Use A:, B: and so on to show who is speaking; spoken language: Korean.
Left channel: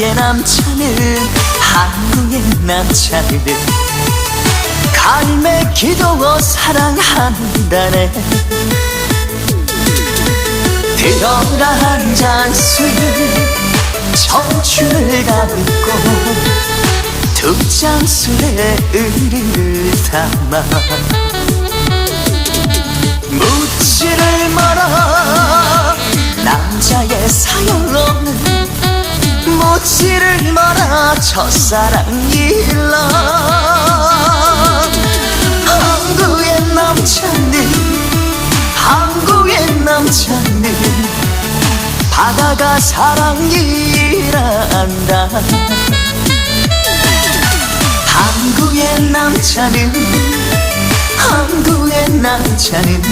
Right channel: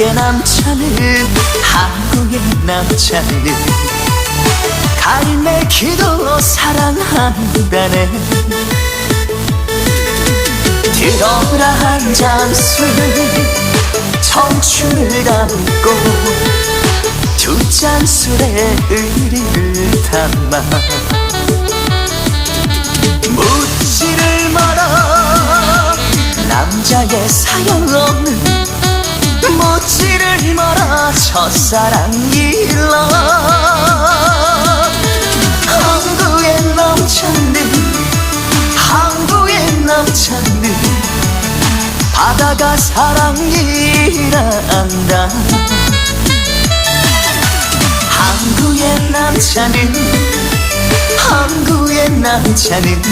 A: 한국의 남자는 한국의 남자는 갈매 기도 사랑한다네. 들어라 한잔 술 청춘을 담고 두 잔 술에 의리를 담아 첫사랑 일러 한국의 남자는 한국의 남자는 바다가 사랑이란다. 한국의 남자는 한국의 남자는